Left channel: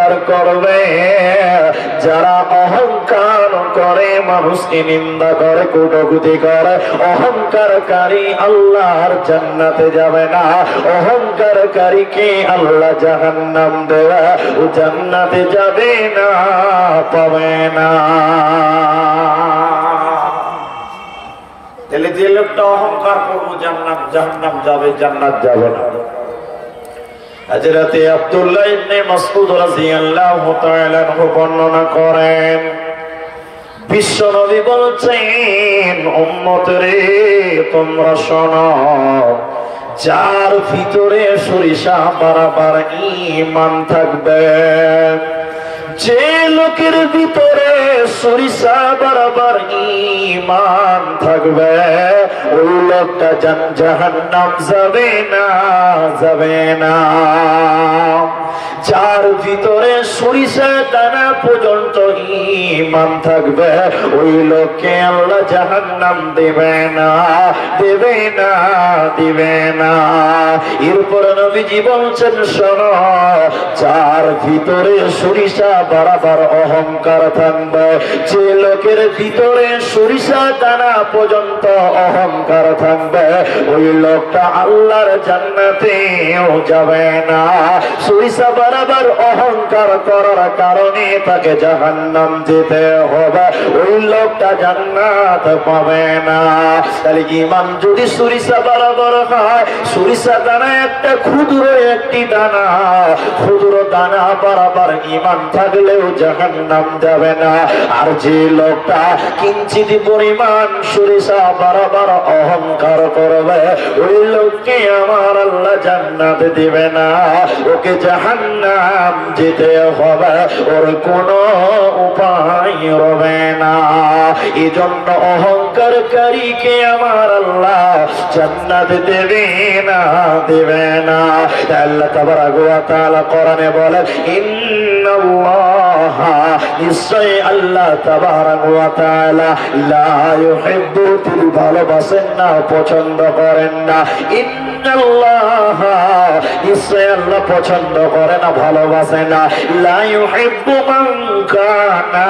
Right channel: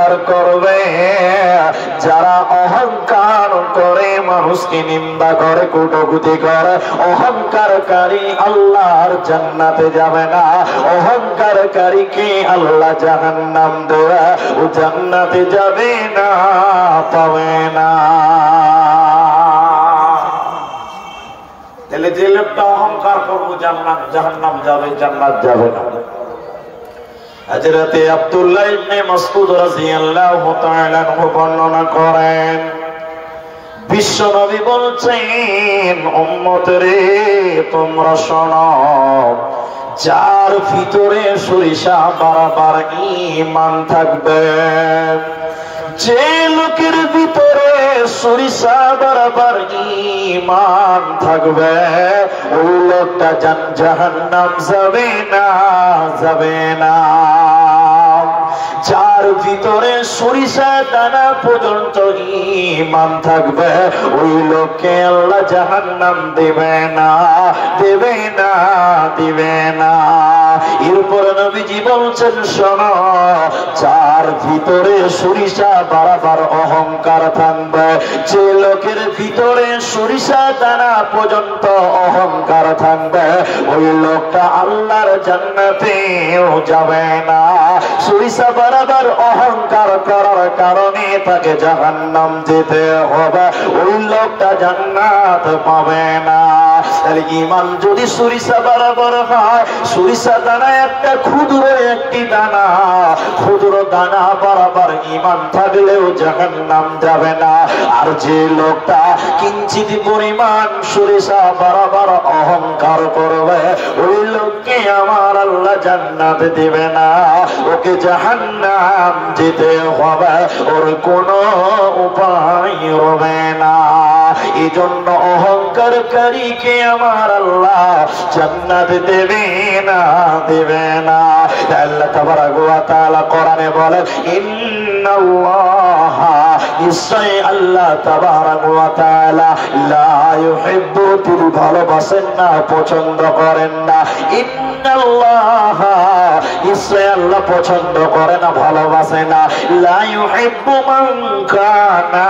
অহংকার করবে, যারা অহংকার করে মানুষকে নিন্দা করে কটূক্তি করে, অহংকারকারী আল্লাহর জান্নাতে যাবে না। অহংকারকারীকে আল্লাহ জাহান্নাম দেবে, ও জান্নাতে যাবে না, পাবে না। তাহলে যে লোকটা অহংকার করবো জাহান্নাম যাবে, জান্নাত যাবে না। হযরতে আব্দুল্লাহ ইবনে মাসউদ রাদিয়াল্লাহু তাআলা আনহু বর্ণনা করেন, বিশ্বনবী বলছেন, উম্মতরে তোমরা শোনো, যার ভিতরে সরিষা বারাবার ঈমান থাকবে, যে লোকের ভিতরে সরিষা বারাবার ঈমান থাকবে, ওই লোকটা জাহান্নাম যাবে না, যাবে না। যার ভিতরে সরিষা দানা পর্যন্ত ঈমান থাকবে, ওই লোককে আল্লাহ জাহান্নাম দেবে না, দেবে না, দেবে না। এরপর নবীজি বলছেন, শোনো, যার ভিতরে সরিষা বারাবার অহংকার থাকবে, যে লোকের ভিতরে সরিষা দানা পর্যন্ত অহংকার থাকবে, ওই লোকটা আল্লাহর জান্নাতেও যাবে না। সরিষা বারাবার অহংকার করার কারণে তাকে জাহান্নাম যেতে হবে, ওই লোকটা জান্নাত পাবে না। তাহলে ঈমান যদি সরিষা বারাবার হয়, সরিষা দানা একটা ক্ষুদ্র একটি দানা, ক্ষুদ্র দানা বারাবার ঈমান থাকলেও জাহান্নাম যাবে না। আর যে লোকটা কিঞ্চিত পরিমাণ সরিষা বারাবার অহংকার করবে, ওই লোককে আমার আল্লাহ জান্নাত দিবে না, ওকে জাহান্নাম যেতে হবে, ওর কোনো উপায় রবে না। এজন্য অহংকারকারীকে আমার আল্লাহ জান্নাত দেবে না, দেবে না। আল্লাহ তাবারক ওয়া তাআলা কোরআনে বলেন, ইন্নাল্লাহা, নিশ্চয় আল্লাহ তাবারক ওয়া তাআলা লা ইউহিব্বু, তিনি ভালোবাসেন না, পছন্দ করেন না। ইন্নাল্লাহা, নিশ্চয় আল্লাহ পছন্দ করে না, ভালোবাসে না। লা ইউহিব্বু মান কানা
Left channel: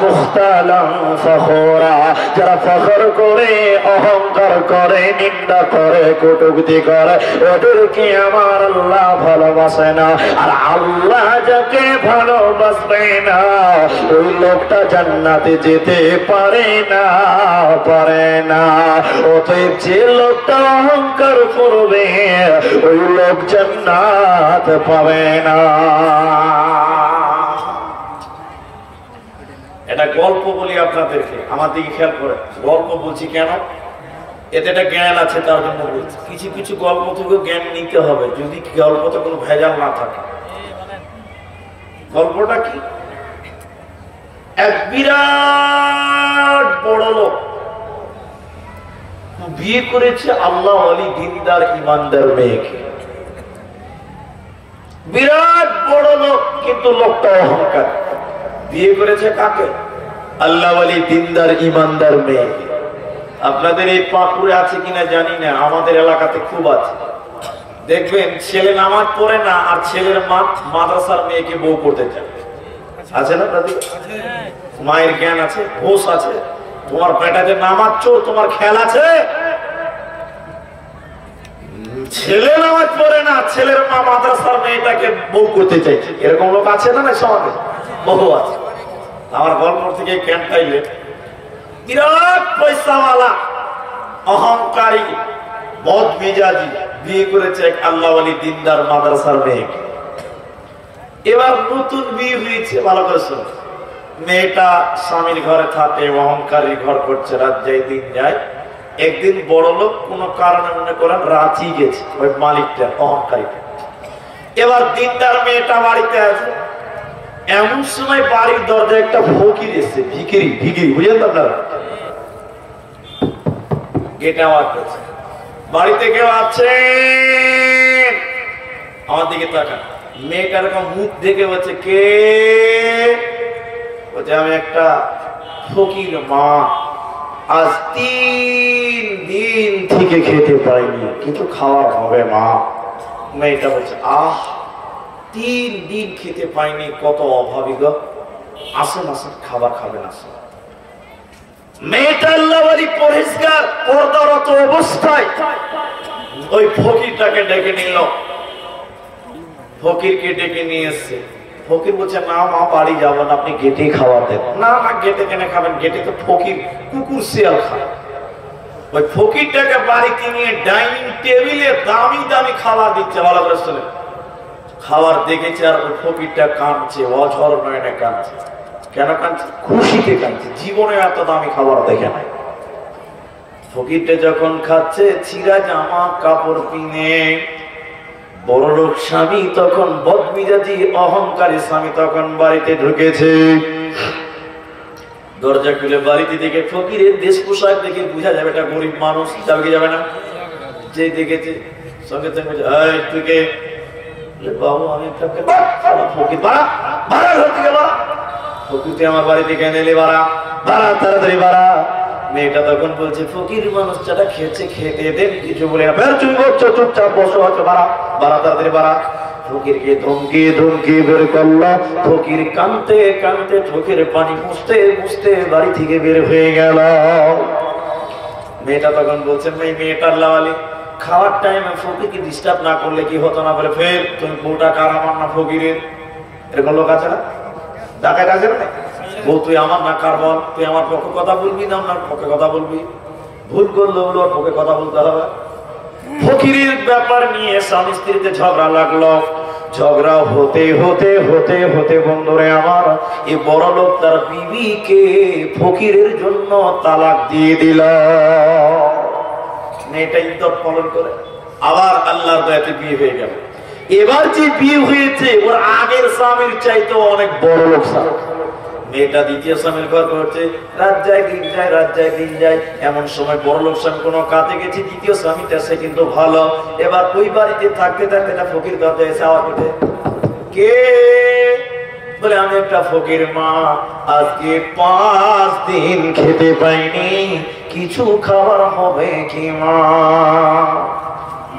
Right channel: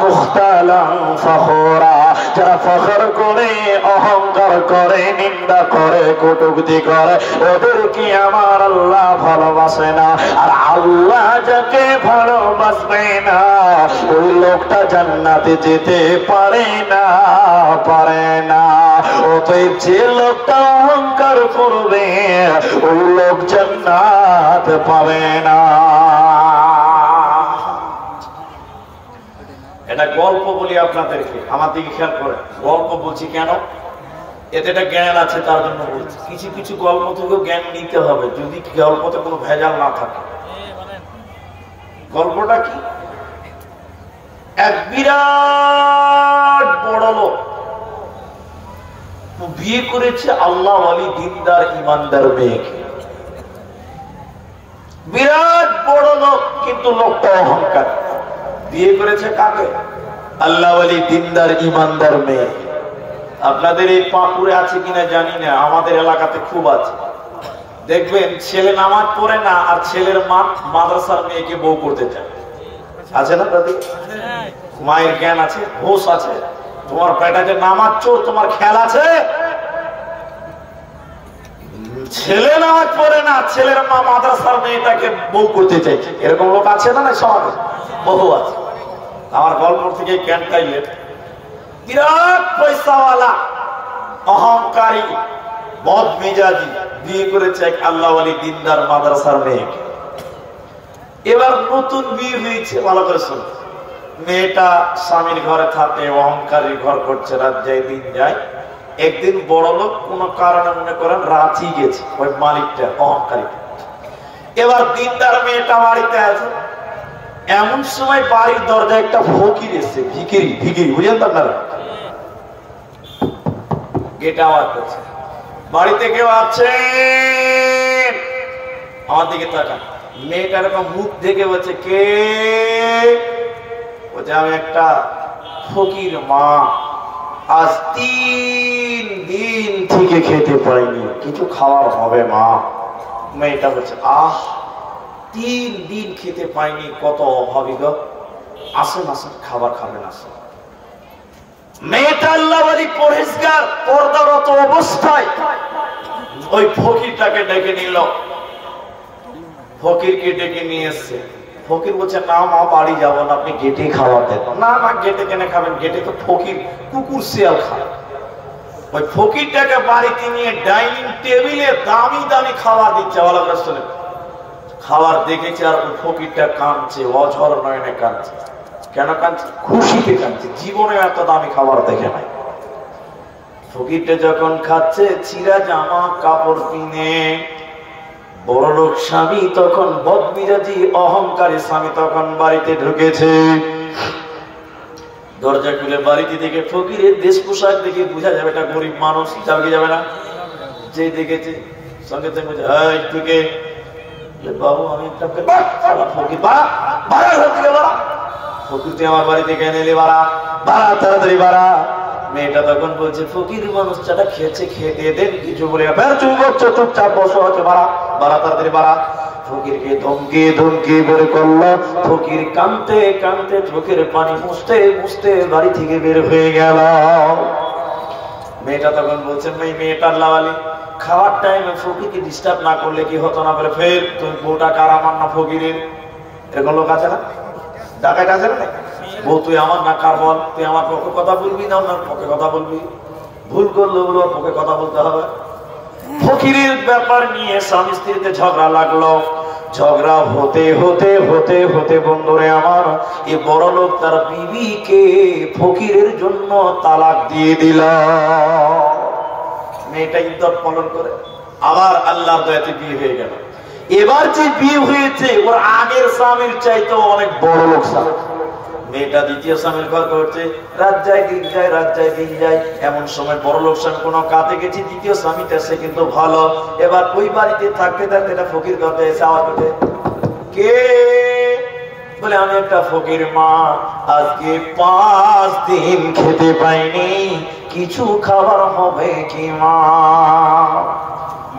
মুখতালান ফখুরা, যারা ফখর করে, অহংকার করে, নিন্দা করে, কটূক্তি করে, ওদেরকে আমার আল্লাহ ভালোবাসে না। আর আল্লাহ যাকে ভালোবাসবে না, ওই লোকটা জান্নাতে যেতে পারে না, পারে না। অতএব যে লোকটা অহংকার করবে, ওই লোক জান্নাত পাবে না। এটা গল্প বলি আপনাদেরকে, আমার দিকে খেয়াল করে। গল্প বলছি কেন? এতে একটা জ্ঞান আছে, তার জন্য বলছি। কিছু কিছু গল্প থেকেও জ্ঞান নিতে হবে, যদি গল্পতে কোনো ভেজাল না থাকে। গল্পটা কি? এক বিরাট বড় লোক বিয়ে করেছে আল্লাহ ওয়ালি দিনদার ইমানদার মেয়েকে। বিরাট বড় লোক, কিন্তু লোকটা অহংকার। বিয়ে করেছে কাকে? আল্লাহ ওয়ালি দিনদার ইমানদার মেয়েকে। আপনাদের এই পাকুড়ে আছে কিনা জানি না, আমাদের এলাকাতে খুব আছে। দেখবেন ছেলে নামাজ পড়ে না, আর ছেলের মা মাদ্রাসার মেয়েকে বউ করতে চায়। আছে না দাদি? মায়ের জ্ঞান আছে, হোশ আছে। তোমার বেটা যে নামাজ চোর, তোমার খেয়াল আছে? ছেলে নামাজ পড়ে না, ছেলের মা মাদ্রাসার মেয়েটাকে বউ করতে চাইছে। এরকম লোক আছে না? সমাজে বহু আছে। আমার গল্প থেকে জ্ঞান পাইলে, বিরাট পয়সাওয়ালা অহংকারী বদ মেজাজি বিয়ে করেছে এক আল্লাহ ওয়ালি দিনদার মাদ্রাসার মেয়েকে। এবার নতুন বিয়ে হয়েছে, ভালো করে শুনে। মেয়েটা স্বামীর ঘরে থাকে, অহংকারী ঘর করছে, রাত যায় দিন যায়। একদিন বড় লোক কোন কারণে মনে করেন রাঁচি গেছে, ওই মালিকটা অহংকারীটা। এবার দিনদার মেয়েটা বাড়িতে আছে। এমন সময় বাড়ির দরজায় একটা ফকির এসছে, ভিখিরি, ভিখিরি বুঝলেন তো আপনারা? গেট আওয়াজ করছে, বাড়িতে কেউ আছে? আমার দিকে তাকান। মেয়েটার মুখ দেখে বলছে, কে? বলছে, আমি একটা ফকির মা, আজ 3 দিন থেকে খেতে পাইনি, কিছু খাওয়া হবে মা। মেয়েটা বলছে, আহ 3 দিন খেতে পাইনি, কত অভাবী গো। আসেন আসেন খাবার খাবেন আসেন। মেয়েটা আল্লাহওয়ালি পরহেজগার পর্দারত অবস্থায় ওই ফকিরটাকে ডেকে নিল। ফকিরকে ডেকে নিয়ে এসছে। ফকির বলছে না মা বাড়ি যাবো না, আপনি গেটে খাবার দেন। না না গেটে কেন খাবেন, গেটে তো ফকির কুকুর শিয়াল খায়। ওই ফকিরটাকে বাড়িতে নিয়ে ডাইনিং টেবিলে দামি দামি খাবার দিচ্ছে। খাবার দেখেছে আর ওই ফকিরটা কাঁদছে, অঝর নয়নে কাঁদছে। কেন কাঁদছে? খুশিতে কাঁদছে, জীবনে এত দামি খাবার দেখে নাই। ফকিরটা যখন খাচ্ছে ছিঁড়া জামা কাপড় কিনে, বড়লোক স্বামী তখন বদমিজাজি অহংকারী স্বামী তখন বাড়িতে ঢুকেছে। দরজা খুলে বাড়িতে দেখে ফকিরের দেশ পোশাক দেখে বোঝা যাবে এটা গরিব মানুষ। যাবে কি যাবে না? যে দেখেছে সঙ্গে সঙ্গে তুই কে? বাবু আমি ফকির আমার বাড়িতে কেন এলি? বাড়া বাড়া তাড়াতাড়ি বাড়া। মেয়েটা তখন বলছে ফকির মানুষটা খেয়েছে, খেয়ে দিয়ে দেন কিছু বলে তুমি বলছো চুপচাপ বসো, হচ্ছে বাড়া বাড়া তাড়াতাড়ি বাড়া। ফকিরকে ধমকিয়ে ধমকিয়ে বের করলো। ফকির কাঁদতে কাঁদতে চোখের পানি মুছতে মুছতে বাড়ি থেকে বের হয়ে গেল। মেয়েটা তখন বলছে মেয়েটার লাওয়ালি খাওয়ার টাইমে ফকিরকে ডিস্টার্ব না করলে কি হতো না? বলে ফের তুমি বউটা কার আমার না ফকিরের? এরকম লোক আছে না? ডাকাত আছে না? বউ তুই আমার না কার বল? তুই আমার পক্ষে কথা বলবি না ওনার পক্ষে কথা বলবি? ভুল করলো ওর পক্ষে কথা বলতে হবে। ফকিরের ব্যাপার নিয়ে স্বামী স্ত্রীতে ঝগড়া লাগলো। ঝগড়া হতে হতে হতে হতে বন্ধুরে আমার এই বড় লোক তার বিবিকে ফকিরের জন্য তালাক দিয়ে দিল। মেয়েটা ইদ্যত পালন করে আবার আল্লাহর দয়াতে বিয়ে হয়ে গেল। এবার যে বিয়ে হয়েছে ওর আগের স্বামীর চাইতে অনেক বড় লোক স্বামী। মেয়েটা দ্বিতীয় স্বামীর ঘর করছে, রাত যায় দিন যায়, রাত যায় দিন যায়। এমন সময় বড় লোক স্বামী কোনো কাজে গেছে, দ্বিতীয় স্বামীটা সে কিন্তু ভালো। এবার ওই বাড়িতে থাকতে থাকতে না ফকির ঘরে এসে আওয়াজ পেতে, কে? বলে আমি একটা ফকির মা, আজকে 5 দিন খেতে পাইনি, কিছু খাবার হবে কি মা?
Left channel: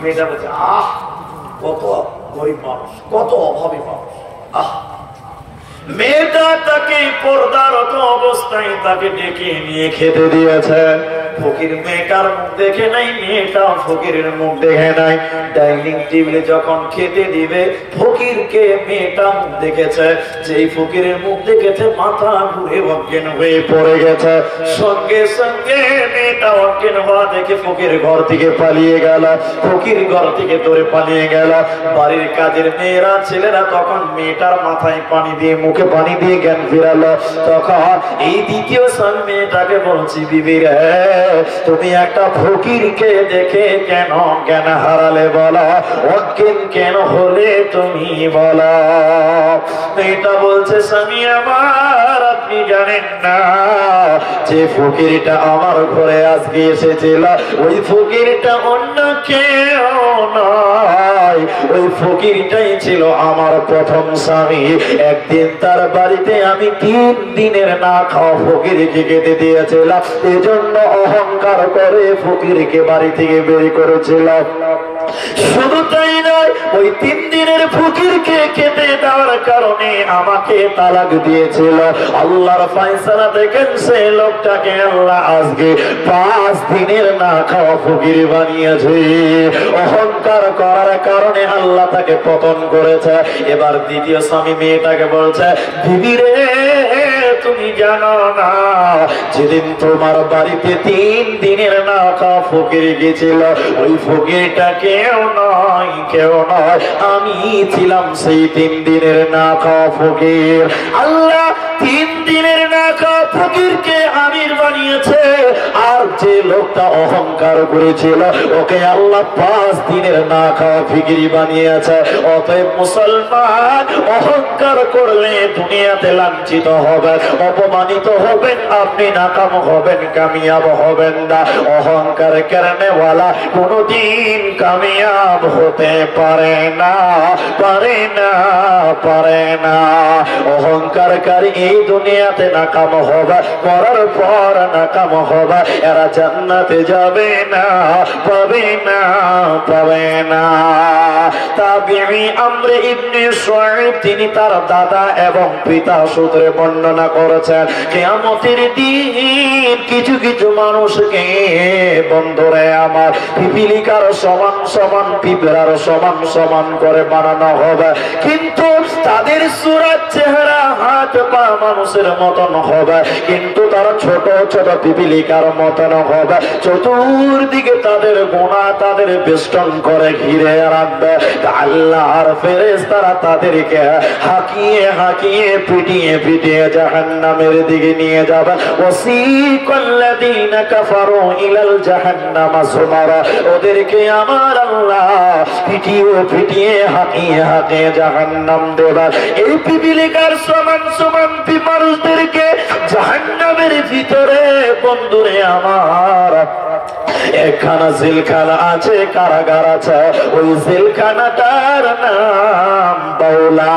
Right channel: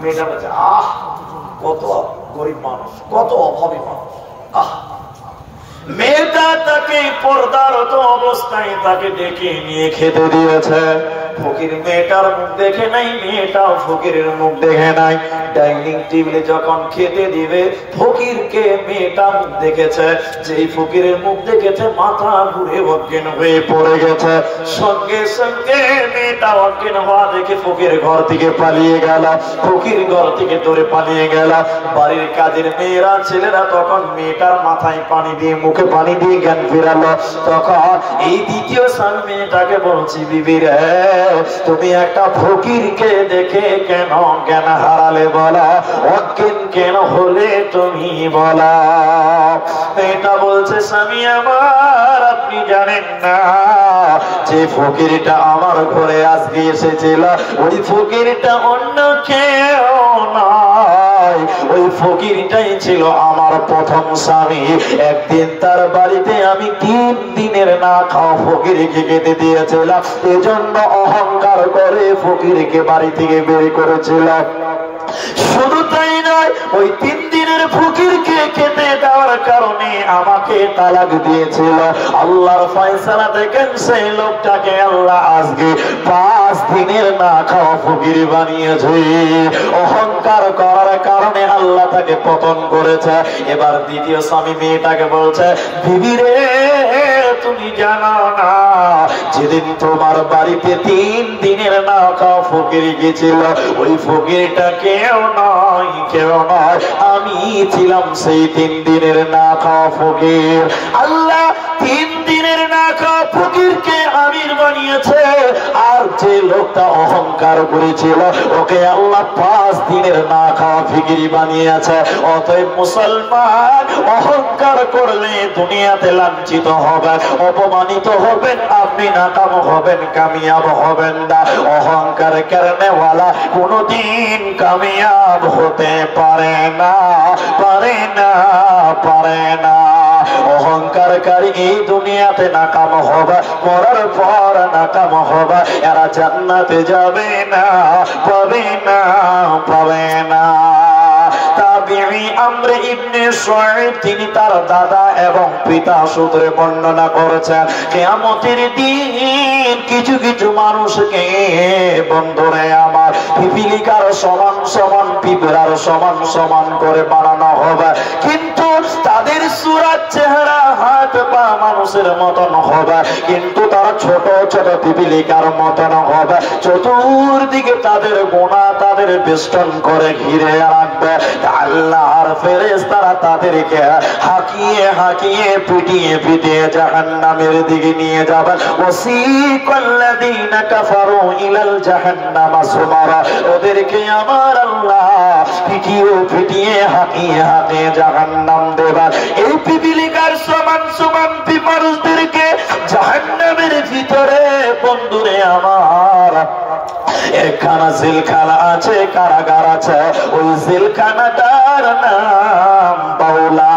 মেয়েটা বলছে আহ কত গরিব মানুষ, কত অভাবী মানুষ। আহ মেয়েটা তাকে পর্দারত অবস্থায় তাকে ডেকে নিয়ে খেতে দিয়েছে। ফকির মেয়েটার মুখ দেখে নাই, মেয়েটাও ফকিরের মুখ দেখে নাই। ডাইনিং টেবিলে যখন খেতে দিবে ফকিরকে মেয়েটা মুখ দেখেছে, যেই ফকিরের মুখ দেখেছে মাথা ঘুরে অজ্ঞান হয়ে পড়ে গেছে। সঙ্গে সঙ্গে মেয়েটা অজ্ঞান হওয়া দেখে ফকির ঘর থেকে পালিয়ে গেল। ফকির ঘর থেকে দৌড়ে পালিয়ে গেল। বাড়ির কাজের মেয়েরা ছেলেরা তখন মেয়েটার মাথায় পানি দিয়ে মুখে পানি দিয়ে জ্ঞান ফিরালো। তখন এই দ্বিতীয় স্বামী মেয়েটাকে বলছি বিবি রে, তুমি একটা ফকিরকে দেখে কেন জ্ঞান হারালে বলো? অজ্ঞান কেন হলে তুমি বলো? মেয়েটা বলছে স্বামী আমার, আপনি জানেন না যে ফকিরটা আমার ঘরে আজকে এসেছিল ওই ফকিরটা অন্য কেউ নয়, ওই ফকিরটাই ছিল আমার প্রথম স্বামী। একদিন তার বাড়িতে আমি 3 দিনের না খাওয়া ফকিরকে খেতে দিয়েছিলাম, এজন্য অহংকার করে ফকিরকে বাড়ি থেকে বের করেছিলাম। শুধু তাই নয়, ওই 3 দিনের ফকিরকে খেতে দেওয়ার কারণে আমাকে তালাক দিয়েছিল। আল্লাহর ফয়সালা দেখেন সেই লোকটাকে আল্লাহ আজকে 5 দিনের না খাওয়া ফকির বানিয়েছে। অহংকার করার কারণে আল্লাহ তাকে পতন করেছে। এবার দ্বিতীয় স্বামী মেয়েটাকে বলছে বিবি রে, তুমি জানো না যেদিন তোমার বাড়িতে 3 দিনের না খাওয়া ফকির গেছিল, ওই ফকিরটা কেউ নয় কেউ নয়, আমি ছিলাম সেই 3 দিনের না খাওয়া ফকির। আল্লাহ 3 দিনের না খাওয়া ফকিরকে আমির বানিয়েছে, আর যে লোকটা অহংকার করেছিল ওকে আল্লাহ 5 দিনের না খাওয়া ফকিরি বানিয়েছে। অতএব মুসলমান, অহংকার করলে দুনিয়াতে লাঞ্ছিত হবেন, অপমানিত হবেন, আপনি নাকাম হবেন, কামিয়াব হবেন না। অহংকার করনে ওয়ালা কোনদিন কামিয়াব হতে পারে না, পারে না, পারে না। অহংকারকারী এই দুনিয়াতে নাকাম হবে, মরার পর নাকাম হবে, এরা জান্নাতে যাবে না, পাবে না, পাবে না। তার তাবিঈ আমর ইবনে শুআইব তিনি তার দাদা এবং পিতা সূত্রে বর্ণনা করেছেন কিয়ামতের দিন কিছু কিছু মানুষকে বন্ধুরে আমার পিপিলিকার সমান সমান পিঁপড়ার সমান সমান করে বানানো হবে, কিন্তু তাদের সূরত চেহারা হাত পা মানুষের মতন হবে, কিন্তু তারা ছোট ছোট পিপিলিকার মতন হবে। চতুর্দিকে তাদের গুনাহ তাদের বেষ্টন করে ঘিরে রাখবে। আল্লাহর ফেরেশতারা তাদেরকে হাঁকিয়ে হাঁকিয়ে পিটিয়ে পিটিয়ে জাহান্নামের দিকে নিয়ে যাবে। ওয়াসিকাল্লাযীনা কাফারু ইলাল জাহান্নামা যুমারা, ওদেরকে আমার আল্লাহ পিটিয়ে পিটিয়ে হাঁকিয়ে হাঁকিয়ে জাহান্নাম দেবে। এই পিপিলিকার সমান সমান মানুষদেরকে জাহান্নামের ভিতরে বন্ধুরে আমার একখানা জেলখানা আছে, কারাগার আছে, ওই জেলখানাটার নাম বাউলা।